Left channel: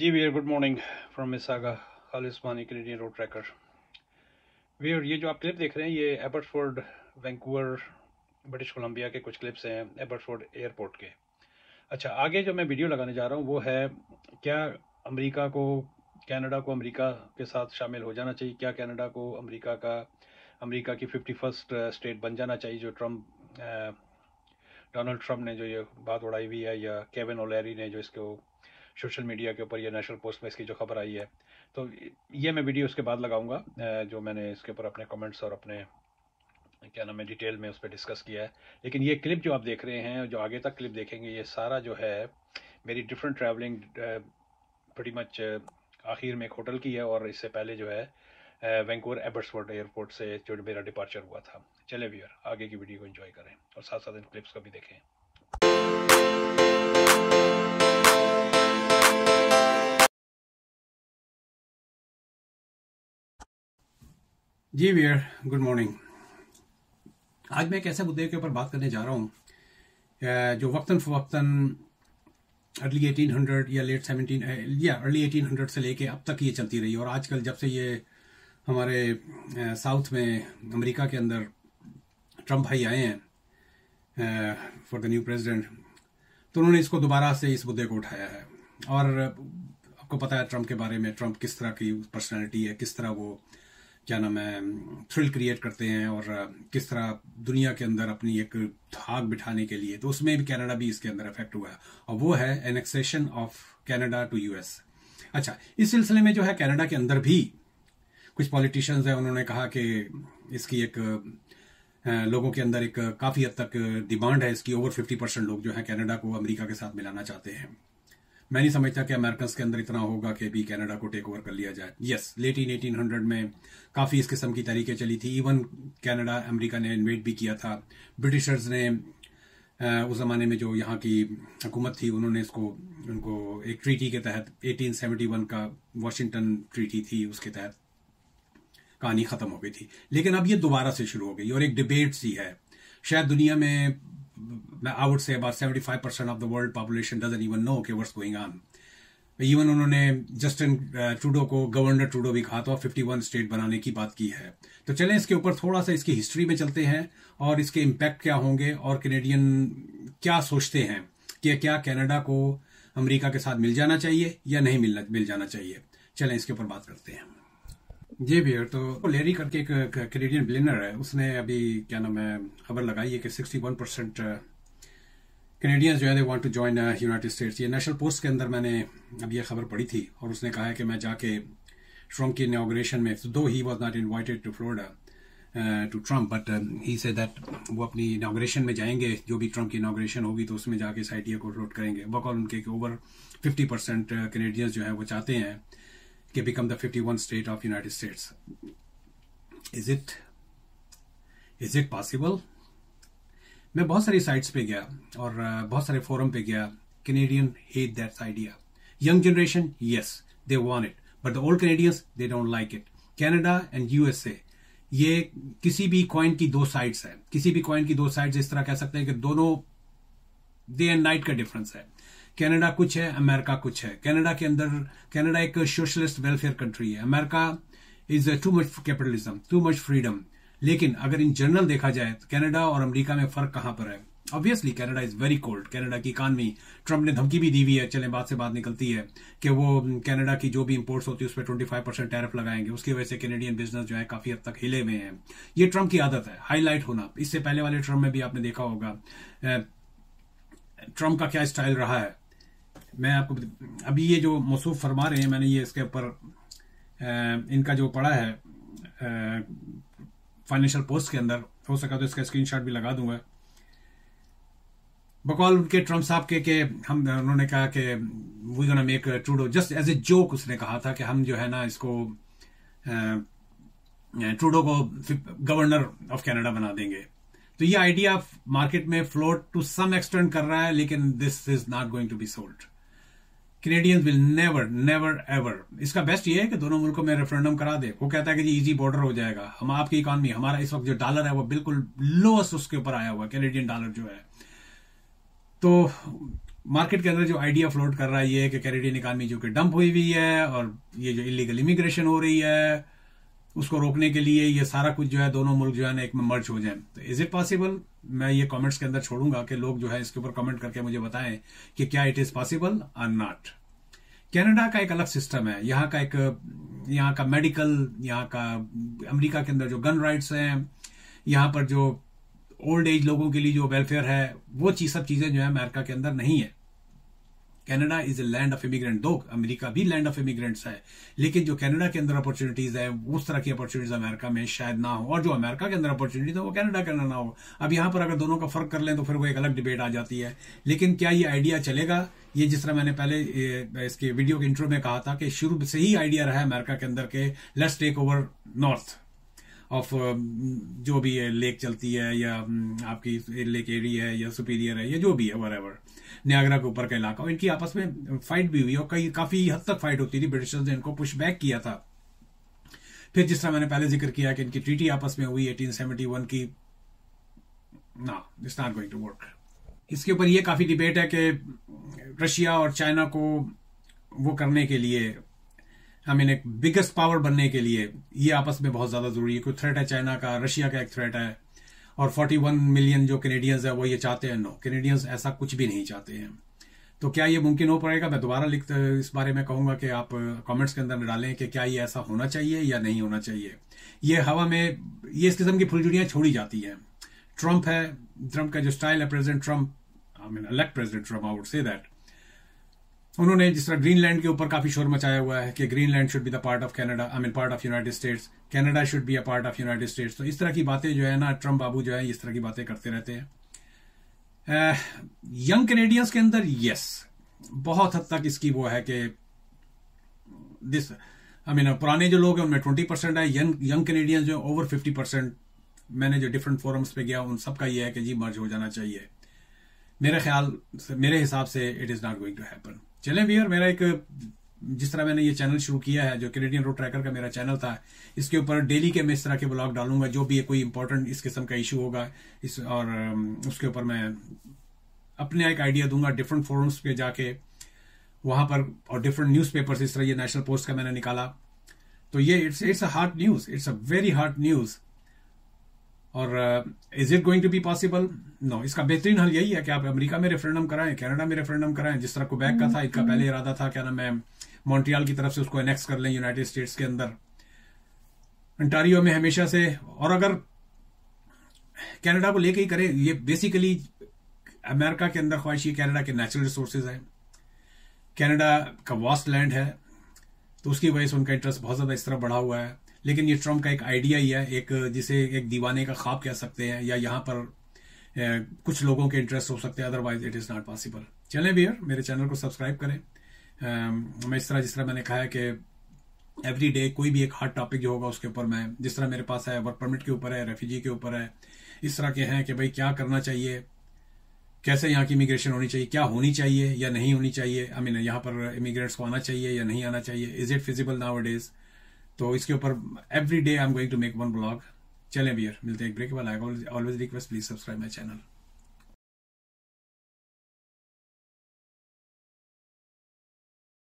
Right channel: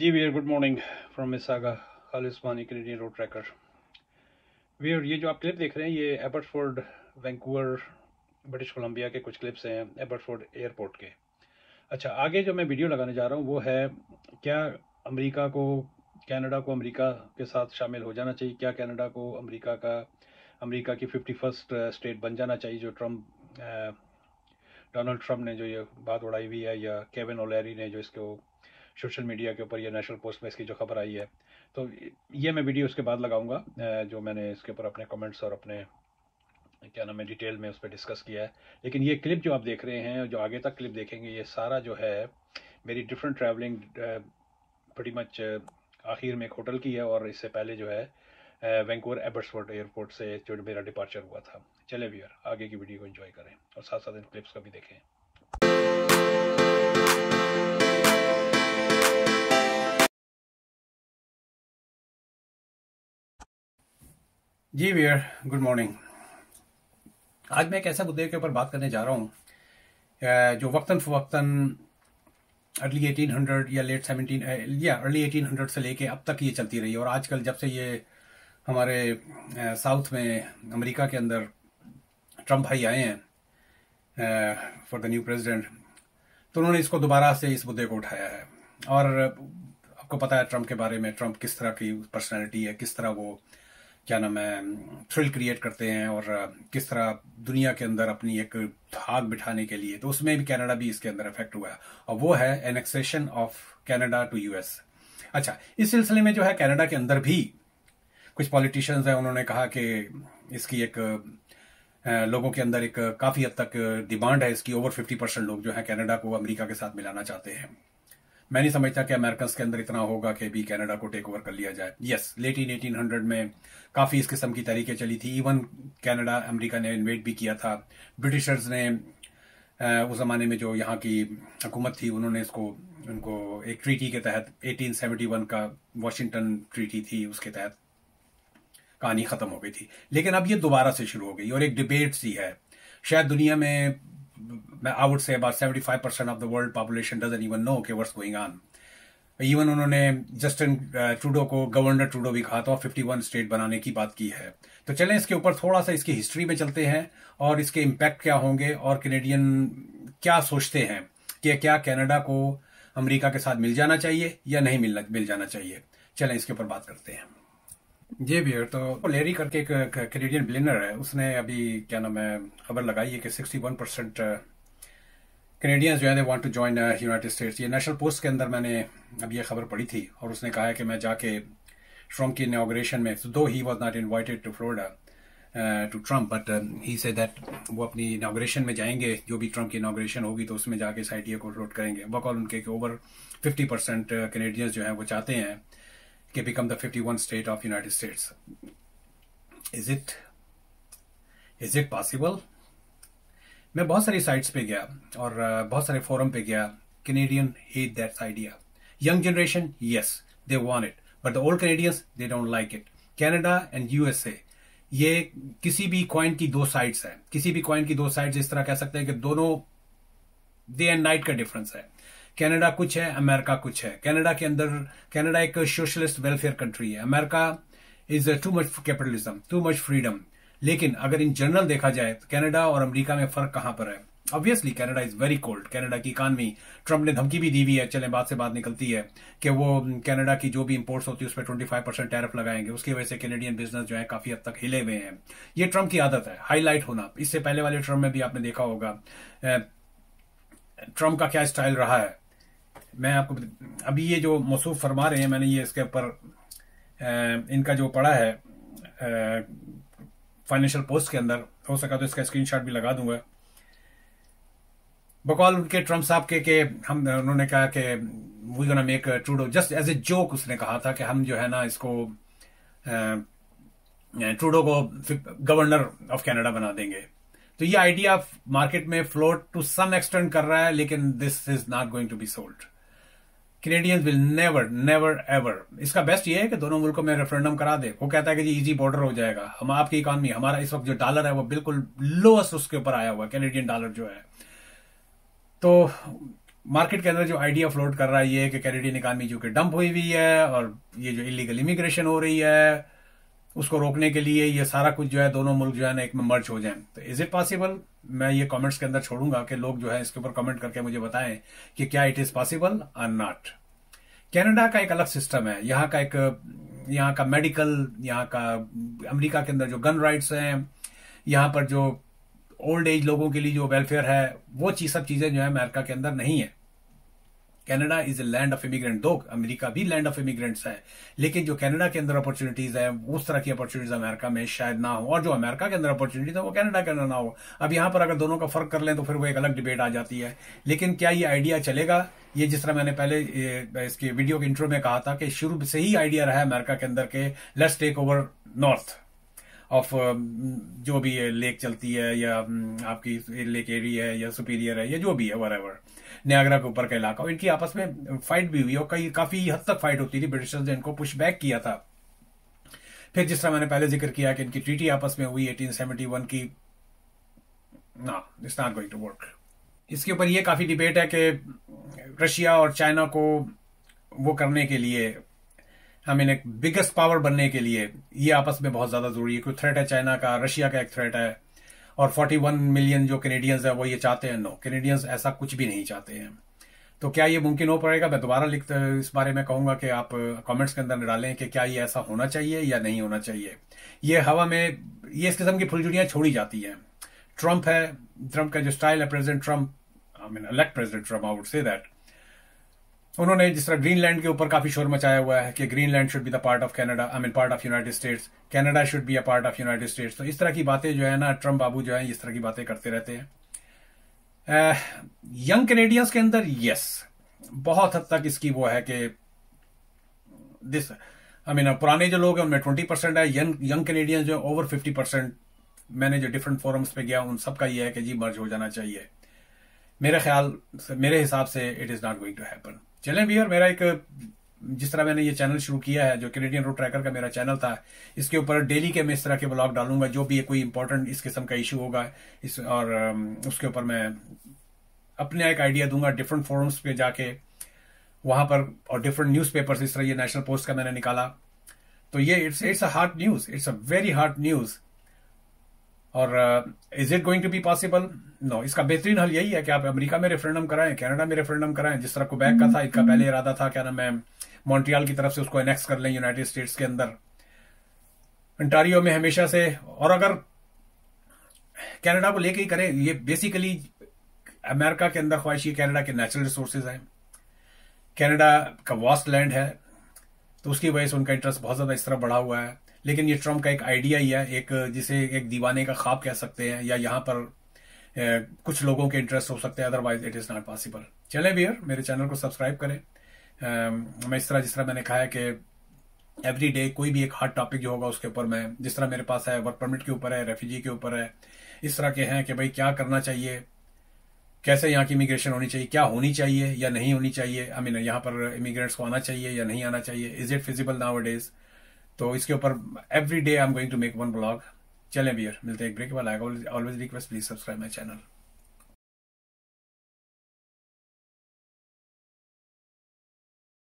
Ji Veer, good morning from Mississauga Al Usmani Canadian road tracker. Veer, ये जो आप क्लिप देख रहे हैं ये एबर्सफोर्ड वैंकूवर ब्रिटिश कोलंबिया के कुछ क्लिप्स हैं एबर्सफोर्ड एयरपोर्ट के। अच्छा, आगे जो मैं वीडियो लगाने जा रहा हूँ वो है क्या अमेरिका को कनाडा को अमेरिका के साथ शामिल हो जाना चाहिए, क्या कनाडा को अमेरिका की 51st स्टेट बन जाना चाहिए, जो डोनाल्ड ट्रम्प ने जो ये बात उड़ाई हुई है, या केविन ओलेरी ने जो इसको सोशल मीडिया के ऊपर या नेशनल पोस्ट में इसकी जो खबर आई है। तो ये मैं वीडियो उसके बाद लगाऊंगा, जो मैंने इसके ऊपर अपने कमेंट्स और अपने क्या नाम है डिटेल में उस पर डिस्कस किया है। लेकिन ये क्लिप जो आप देख रहे हैं, जो आगे तक क्लिप देखेंगे, ये सारा जो है मेरी डिफरेंट ट्रैवलिंग pretty मच आखिर में एक होटल की है, और इससे पहले जो है वैंकूवर एबर्सफोर्ड एयरपोर्ट से जो मेरा डिपार्चर हुआ था। चले व्यूअर, आगे की वीडियो को एंजॉय करें और साथ साथ इन क्लिप्स को भी देखें। जी व्यूअर, गुड मॉर्निंग। आज मैं एक ऐसे मुद्दे के ऊपर बात करने जा रहा हूँ जो वक्तन फवक्तन अर्ली 1800 या लेट 17 या अर्ली 1800 से लेके अब तक ये चलती रही है। और आजकल जब से ये हमारे साउथ में अमेरिका के अंदर ट्रम्प भाई आए हैं फॉर द न्यू प्रेसिडेंट, तो उन्होंने इसको दोबारा से इस मुद्दे को उठाया है। और आपको पता है ट्रम्प के बारे में, ट्रम्प किस तरह की पर्सनैलिटी है, किस तरह वो क्या नाम है थ्रिल क्रिएट करते हैं, और किस तरह दुनिया के अंदर अपनी एक धाक बिठाने के लिए, तो उसमें भी कनाडा भी इसके अंदर इफेक्ट हुआ है, और वो है annexation of Canada to US. अच्छा, इस सिलसिले में जो है कनाडा के अंदर भी कुछ पॉलिटिशियंस हैं, उन्होंने कहा कि इसकी एक लोगों के अंदर एक काफी हद तक डिमांड है इसकी। ओवर 50% लोग जो है कनाडा को अमेरिका के साथ मिलाना चाहते हैं। मैं नहीं समझता कि अमेरिकन के अंदर इतना होगा कि भी कनाडा को टेक ओवर कर लिया जाए। यस, लेट इन 1800 में काफी इस किस्म की तरीके चली थी। इवन कनाडा अमेरिका ने इन्वेट भी किया था। ब्रिटिशर्स ने उस जमाने में जो यहाँ की हुकूमत थी, उन्होंने उनको एक ट्रीटी के तहत 1871 का वॉशिंगटन ट्रीटी थी, उसके तहत कहानी खत्म हो गई थी। लेकिन अब ये दोबारा से शुरू हो गई और एक डिबेट सी है। शायद दुनिया में I would say about 75% of the world population doesn't even know कि what's going on. इवन उन्होंने जस्टिन ट्रूडो को गवर्नर ट्रूडो भी कहा था, 51 स्टेट बनाने की बात की है। तो चलें इसके ऊपर थोड़ा सा इसकी हिस्ट्री में चलते हैं और इसके इम्पैक्ट क्या होंगे, और कैनेडियन क्या सोचते हैं कि क्या कनाडा को अमेरिका के साथ मिल जाना चाहिए या नहीं मिल जाना चाहिए। चलें इसके ऊपर बात करते हैं। जी भैया, तो लेरी करके एक कैनेडियन बिलियनर है, उसने अभी क्या नाम है खबर लगाई है कि 61% कैनेडियंस जो है they want to join United States. ये नेशनल पोस्ट के अंदर मैंने अभी ये खबर पढ़ी थी, और उसने कहा है कि मैं जाके ट्रम्प की इनॉग्रेशन में, दो he was not invited to Florida to Trump, but he said that वो अपनी इनॉग्रेशन में जाएंगे, जो भी ट्रम्प की इनॉग्रेशन होगी तो उसमें जाके इस आइडिया को फ्लोट करेंगे। बकौल उनके ओवर 50% कैनेडियंस जो है वो चाहते हैं कि become the 51 state of United states. Is it possible? मैं बहुत सारी साइट्स पे गया और बहुत सारे फोरम पे गया। Canadian hate that idea. Young generation, yes they want it, but the old Canadians they don't like it. Canada and USA, ये किसी भी कॉइन की दो साइड्स हैं। किसी भी कॉइन की दो साइड्स इस तरह कह सकते हैं कि दोनों डे एंड नाइट का डिफरेंस है। कनाडा कुछ है, अमेरिका कुछ है। कनाडा के अंदर, कनाडा एक सोशलिस्ट वेलफेयर कंट्री है। America is too much capitalism, too much freedom. लेकिन अगर इन जनरल देखा जाए तो कनाडा और अमेरिका में फर्क कहां पर है? Obviously Canada is very cold. Canada की इकॉनमी, ट्रम्प ने धमकी भी दी हुई है, चले बात से बात निकलती है कि वो कनाडा की जो भी इंपोर्ट्स होती है उस पर 25% टैरिफ लगाएंगे। उसकी वजह से कैनेडियन बिजनेस जो है काफी हद तक हिले हुए हैं। ये ट्रम्प की आदत है, हाईलाइट होना। इससे पहले वाले ट्रम्प में भी आपने देखा होगा ट्रम्प का क्या स्टाइल रहा है। मैं आपको अभी ये जो मौसूफ फरमा रहे हैं, मैंने ये इसके ऊपर इनका जो पढ़ा है फाइनेंशियल पोस्ट के अंदर, हो सका तो इसका स्क्रीनशॉट भी लगा दूंगा। बकौल उनके ट्रम्प साहब के उन्होंने कहा कि we gonna make Trudeau, just as a joke उसने कहा था कि हम जो है ना इसको ट्रूडो को गवर्नर ऑफ कनाडा बना देंगे। तो ये आइडिया मार्केट में फ्लोट टू सम एक्सटेंट कर रहा है, लेकिन this is not going to be sold. Canadians will never ever. इसका बेस्ट ये है कि दोनों मुल्कों में रेफरेंडम करा दे। वो कहता है कि जी इजी बॉर्डर हो जाएगा। हम आपकी इकॉनमी, हमारा इस वक्त जो डॉलर है वो बिल्कुल लोएस्ट उसके ऊपर आया हुआ, कैनेडियन डॉलर जो है। तो मार्केट के अंदर जो आइडिया फ्लोट कर रहा है ये है कि कैनेडियन इकानमी जो कि डंप हुई हुई है और ये जो इलीगल इमिग्रेशन हो रही है उसको रोकने के लिए ये सारा कुछ जो है दोनों मुल्क जो है ना एक में मर्ज हो जाए। तो इज इट पॉसिबल? मैं ये कमेंट्स के अंदर छोड़ूंगा कि लोग जो है इसके ऊपर कमेंट करके मुझे बताएं कि क्या इट इज पॉसिबल और नॉट। कनाडा का एक अलग सिस्टम है, यहाँ का मेडिकल, यहाँ का अमेरिका के अंदर जो गन राइट्स हैं, यहाँ पर जो ओल्ड एज लोगों के लिए जो वेलफेयर है, वो सब चीजें जो है अमेरिका के अंदर नहीं है। Canada is a land of immigrant, दो अमेरिका भी लैंड ऑफ इमिग्रेंट्स है, लेकिन जो कनाडा के अंदर अपॉर्चुनिटीज है उस तरह की अपॉर्चुनिटीज अमेरिका में शायद ना हो, और जो अमेरिका के अंदर अपॉर्चुनिटीज है वो कनाडा के अंदर ना हो। अब यहाँ पर अगर दोनों का फर्क कर लें तो फिर वो एक अलग डिबेट आ जाती है। लेकिन क्या ये आइडिया चलेगा? ये जिस तरह मैंने पहले इसके वीडियो के इंट्रो में कहा था कि शुरू से ही आइडिया रहा है अमेरिका के अंदर के let's take over north of जो भी है, लेक चलती है या आपकी लेक एरी है या सुपीरियर है या जो भी है वरेवर, नियाग्रा के ऊपर का इलाका, इनकी आपस में फाइट भी हुई और कई काफी हद तक फाइट होती थी। ब्रिटिशर्स ने इनको पुश बैक किया था। फिर जिस तरह मैंने पहले जिक्र किया कि इनकी ट्रीटी आपस में हुई 1871 की, it's not going to work. इसके ऊपर ये काफी डिबेट है कि रशिया और चाइना को वो करने के लिए, एक बिगेस्ट पावर बनने के लिए ये आपस में बहुत ज्यादा जरूरी है। कोई थ्रेट है चाइना का, रशिया का एक थ्रेट है, और 41 मिलियन जो कैनेडियंस है वो ये चाहते हैं। नो, कैनेडियंस ऐसा कुछ भी नहीं चाहते हैं। तो क्या ये मुमकिन हो पाएगा? मैं दोबारा इस बारे में कहूंगा कि आप कमेंट्स के अंदर डालें कि क्या ये ऐसा होना चाहिए या नहीं होना चाहिए। ये हवा में ये इस किस्म की फुलझुरियां छोड़ी जाती हैं। ट्रंप का जो स्टाइल है, president Trump, elect president Trump, I would say that, उन्होंने जिस तरह ग्रीनलैंड के ऊपर काफी शोर मचाया हुआ है कि Greenland should be the part of Canada, part of United states, Canada should be a part of United states. तो इस तरह की बातें जो है ना, ट्रंप बाबू जो है इस तरह की बातें करते रहते हैं। यंग कैनेडियंस के अंदर यस, बहुत हद तक इसकी वो है कि पुराने जो लोग हैं उनमें 20% है, यंग कैनेडियंस जो ओवर 50%। मैंने जो डिफरेंट फोरम्स पे गया उन सबका ये है कि जी मर्ज हो जाना चाहिए। मेरे हिसाब से it is not going to happen. चलें भी, और मेरा एक, जिस तरह मैंने ये चैनल शुरू किया है, जो कैनेडियन रूट ट्रैकर का मेरा चैनल था, इसके ऊपर डेली के मैं इस तरह के ब्लॉग डालूंगा। जो भी कोई इंपॉर्टेंट इस किस्म का इशू होगा और उसके ऊपर मैं अपने एक आइडिया दूंगा डिफरेंट फोरम्स पे जाके वहां पर, और डिफरेंट न्यूज पेपर्स, इस तरह ये नेशनल पोस्ट का मैंने निकाला। तो ये it's a hard news, it's a very hard news. और is it going to be possible? No. इसका बेहतरीन हल यही है कि आप अमेरिका में रेफरेंडम कराएं, कनाडा में रेफरेंडम कराएं, जिस तरह क्वेबेक का था। इनका पहले इरादा था क्या नाम है, मॉन्ट्रियल की तरफ से उसको एनेक्स कर लें यूनाइटेड स्टेट्स के अंदर। अंटारियो में हमेशा से, और अगर कनाडा को लेके ही करें, ये बेसिकली अमेरिका के अंदर ख्वाहिशी कनाडा के नेचुरल रिसोर्सेज हैं, कनाडा का वास्ट लैंड है, तो उसकी वजह से उनका इंटरेस्ट बहुत ज्यादा इस तरह बढ़ा हुआ है। लेकिन ये ट्रम्प का एक आइडिया ही है, एक जिसे एक दीवाने का ख्वाब कह सकते हैं, या यहाँ पर कुछ लोगों के इंटरेस्ट हो सकते हैं, otherwise it is not possible. चलें व्यूअर, मेरे चैनल को सब्सक्राइब करें। मैं जिस तरह मैंने कहा है कि एवरी डे कोई भी एक हॉट टॉपिक जो होगा उसके ऊपर मैं, जिस तरह मेरे पास है वर्क परमिट के ऊपर है, रेफ्यूजी के ऊपर है, इस तरह के हैं कि भाई क्या करना चाहिए, कैसे यहाँ की इमिग्रेशन होनी चाहिए, क्या होनी चाहिए या नहीं होनी चाहिए, यहाँ पर इमिग्रेंट्स को आना चाहिए या नहीं आना चाहिए, इज इट फिजिबल नाउअडेज। तो इसके ऊपर every day I am going to make one blog. चलें भैया, मिलते हैं एक ब्रेक वाला। Always request, please subscribe my channel.